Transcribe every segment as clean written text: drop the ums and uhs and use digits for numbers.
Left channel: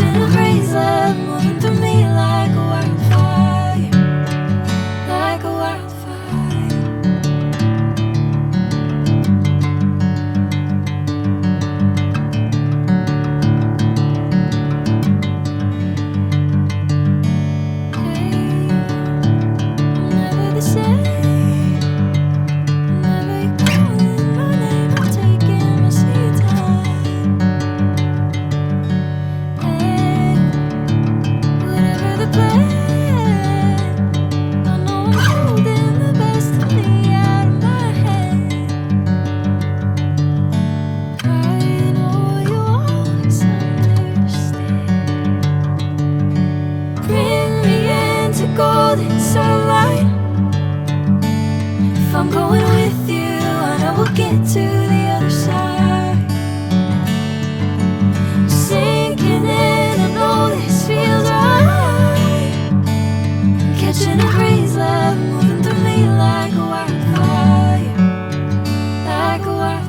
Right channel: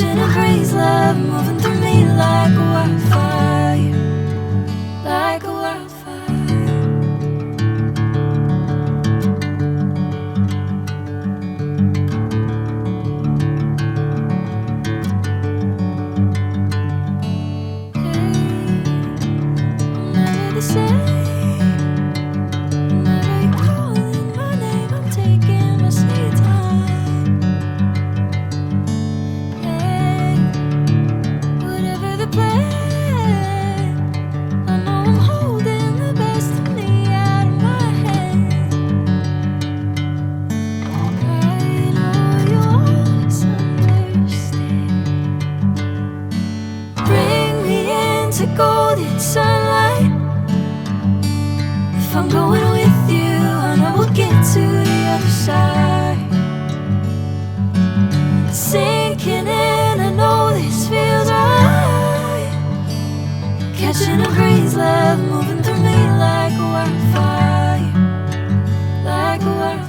Catching a crazy love moving through me like a wildfire, like a wildfire. Hey, I'm never the same. Whenever you're calling my name, I'm taking my sweet time. Hey, whatever the plan, I know I'm holding the best of me out of my hand. I know you always understand. Bring me into golden sunlight. If I'm going with you, I know we'll get to the other side. Sinking in, I know this feels right. Catching a crazy love moving through me like a wildfire, like a wildfire.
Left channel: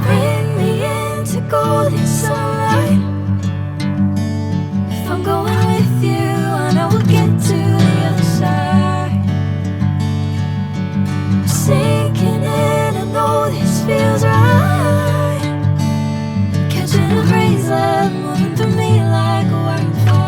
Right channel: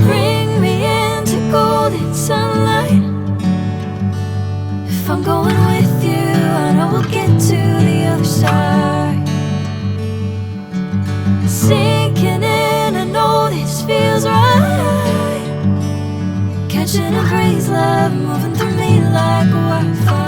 Bring me into golden sunlight. If I'm going with you, I know we'll get to the other side. Sinking in, I know this feels right. Catching a crazy love moving through me like a wildfire.